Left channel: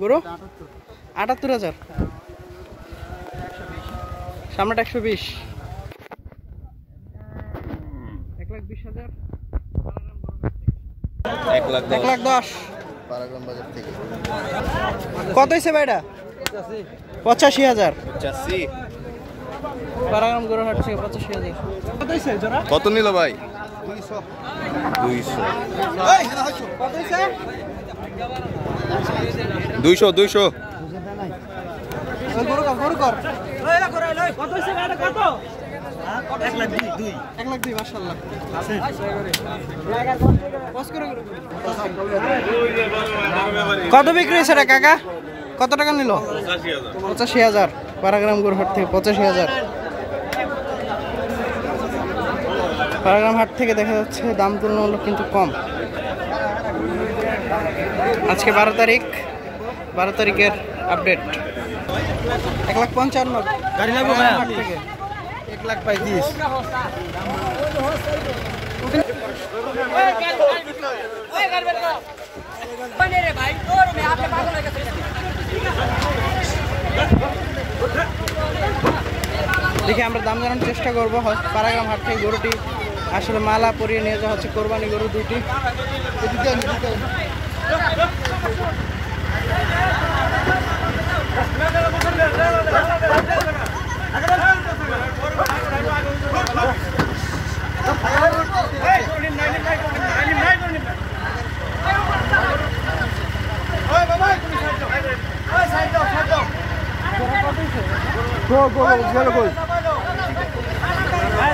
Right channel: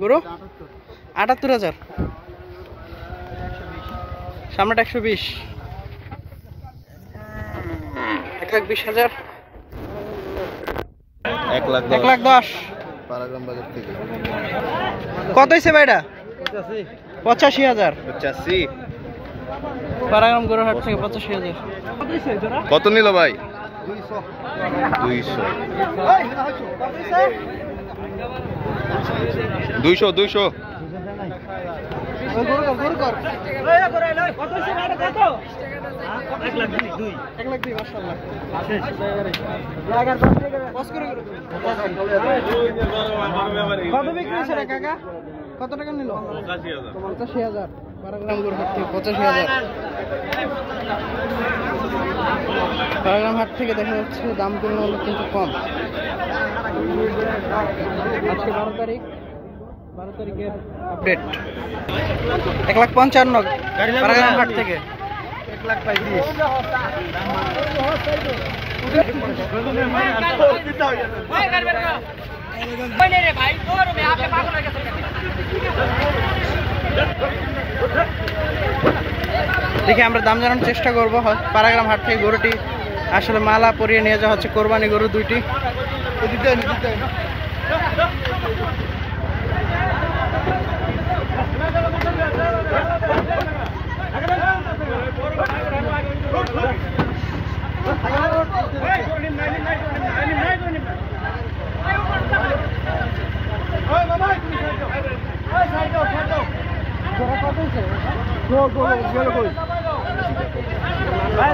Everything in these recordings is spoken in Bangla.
গরু ৭৮,০০০, সামনেটা ১২০, ১,২০,০০০, ১,১০,০০০। কত হয়েছে ভাইটা? ৮৫,০০০। পারাগ্রাম গরুর হাট থেকে ৮৫,০০০। কত নিল ভাই? 200 200। কত বিক্রি হয়েছে রে কাকা? কত টাকা নিল? ৮৫,০০০। পারাগ্রাম গরুর হাট থেকে ৮৫,০০০। পারাগ্রাম হাট থেকে দেখা যাচ্ছে দাম তুলনামূলক কিন্তু কম। আজকে 12 তারিখ, 12 তারিখের আপডেট। ১,৫৫,০০০ পারাগ্রাম হাট থেকে। ১,৩৫,০০০। দেখি আমরা দাম জানানোর চেষ্টা করবো। পারাগ্রাম হাট থেকে গরুটি আসলে মালা পরিয়ে নিয়ে যাওয়া হচ্ছে, কোরবানি গরু দুইটি।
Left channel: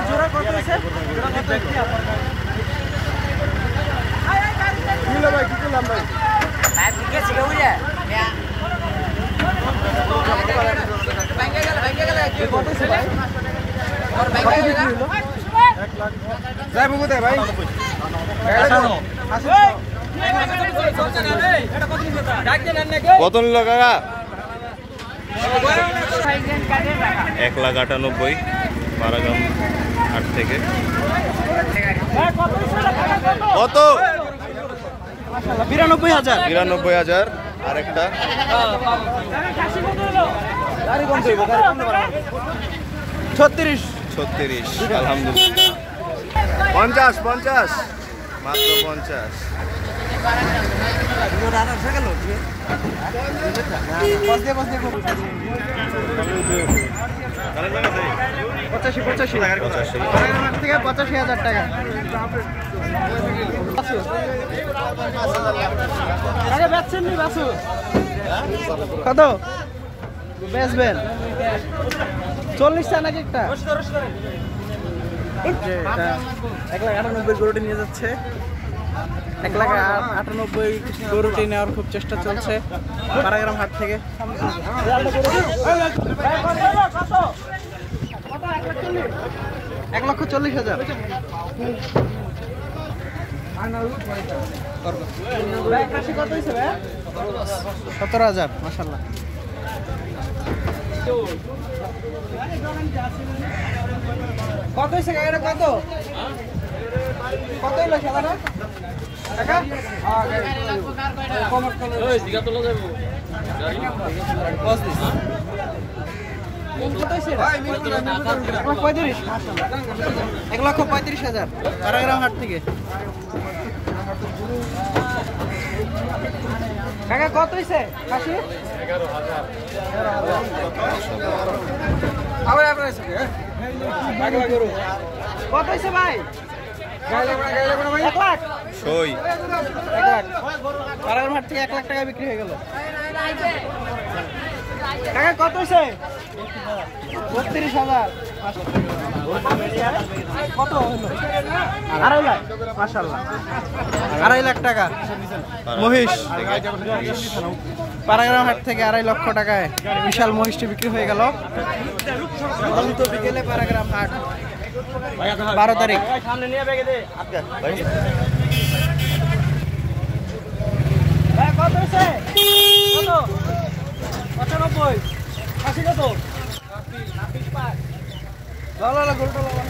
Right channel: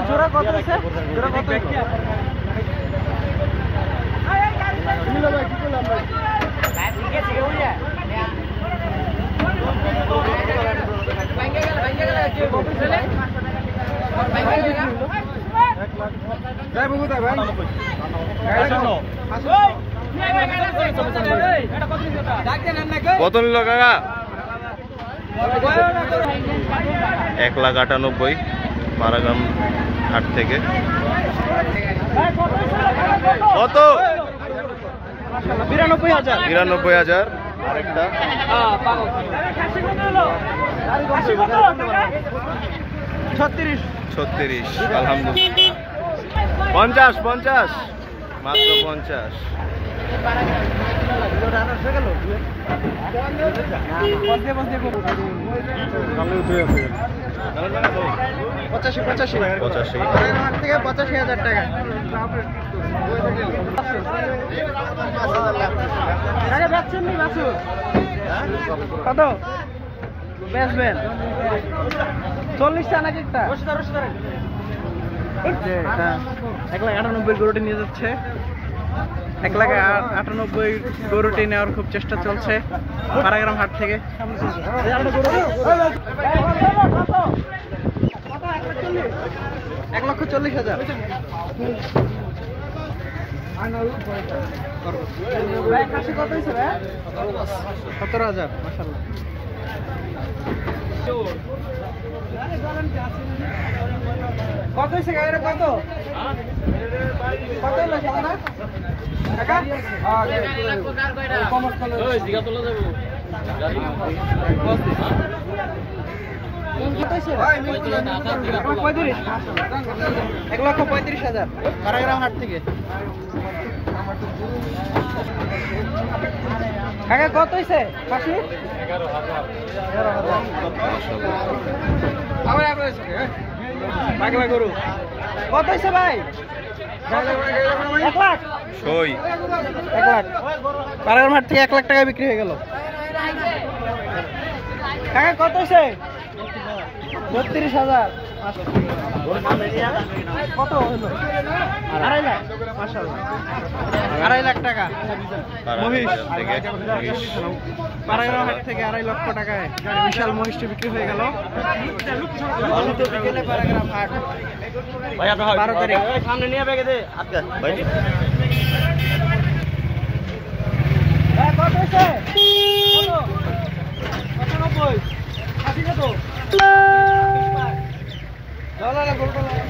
জোড়া কত হয়েছে? জোড়া কত? কত নিল কাকা? ১,৯৮,০০০ পারাগ্রাম হাট থেকে। কত? ৯২,০০০। আরেকটা ৩৬। আলহামদুলিল্লাহ। ৫০ মাত্র ৫০। কত বেচবেন? ৪০ নাকি একটা? ১,৯৮,০০০ গরুটি নিয়ে যাচ্ছে। ১,৯৮,০০০ গরুটি নেওয়ার খুব চেষ্টা চলছে পারাগ্রাম হাট থেকে। ১,৪০,০০০। ১৭,০০০। মাশাআল্লাহ। কত হয়েছে গাড়িটা? কত কত হলো সাদাটা? ⁻৩৫,০০০ পারাগ্রাম হাট থেকে। কাকা কত হয়েছে? ১,৮০,০০০। কত হয়েছে ভাই? ১,০০,০০০। পারাগ্রাম হাট থেকে ১,০০,০০০ টাকা বিক্রি হয়ে গেল। কাকা কত হয়েছে? ৩২,০০০। কত হলো? 2.5 লাখ। মাশাআল্লাহ 2.5 লাখ টাকা মহিষ থেকে মহিষ। পাড়াগ্রাম হাট থেকে 2.5 লক্ষ টাকায় বিশাল মহিষটি বিক্রি হয়ে গেল। অন্ত বিকেলে পাড়াগ্রাম হাট 12 তারিখ। কত হয়েছে? কত? 95 80 কত? লালা গোলটা লালা।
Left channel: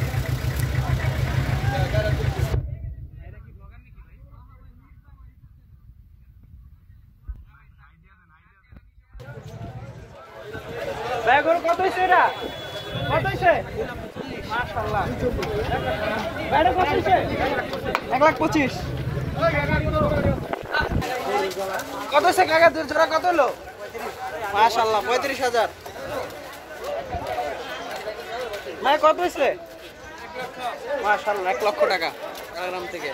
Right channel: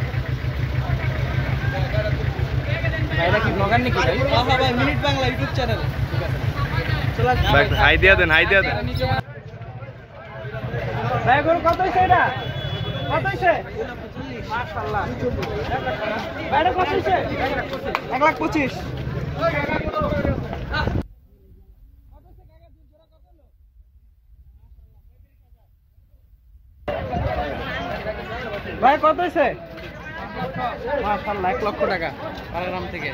ভাইরা কি ব্লগার নাকি ভাই? হ্যাঁ ভাই, মিনিট বাংলা ইউটিউব চ্যানেল। চল ভাই হাই দিয়া দেন, হাই দিয়া দেন। ভাই গরু কত হইছে এটা? কত হইছে? মাশাআল্লাহ। ভাইরা কত হইছে? 1,25,000। কত হইছে কাকা? দুই জোড়া কত হলো? মাশাআল্লাহ 35,000। ভাই কত হইছে? মাশাআল্লাহ 1 লক্ষ টাকা পাড়াগ্রাম থেকে।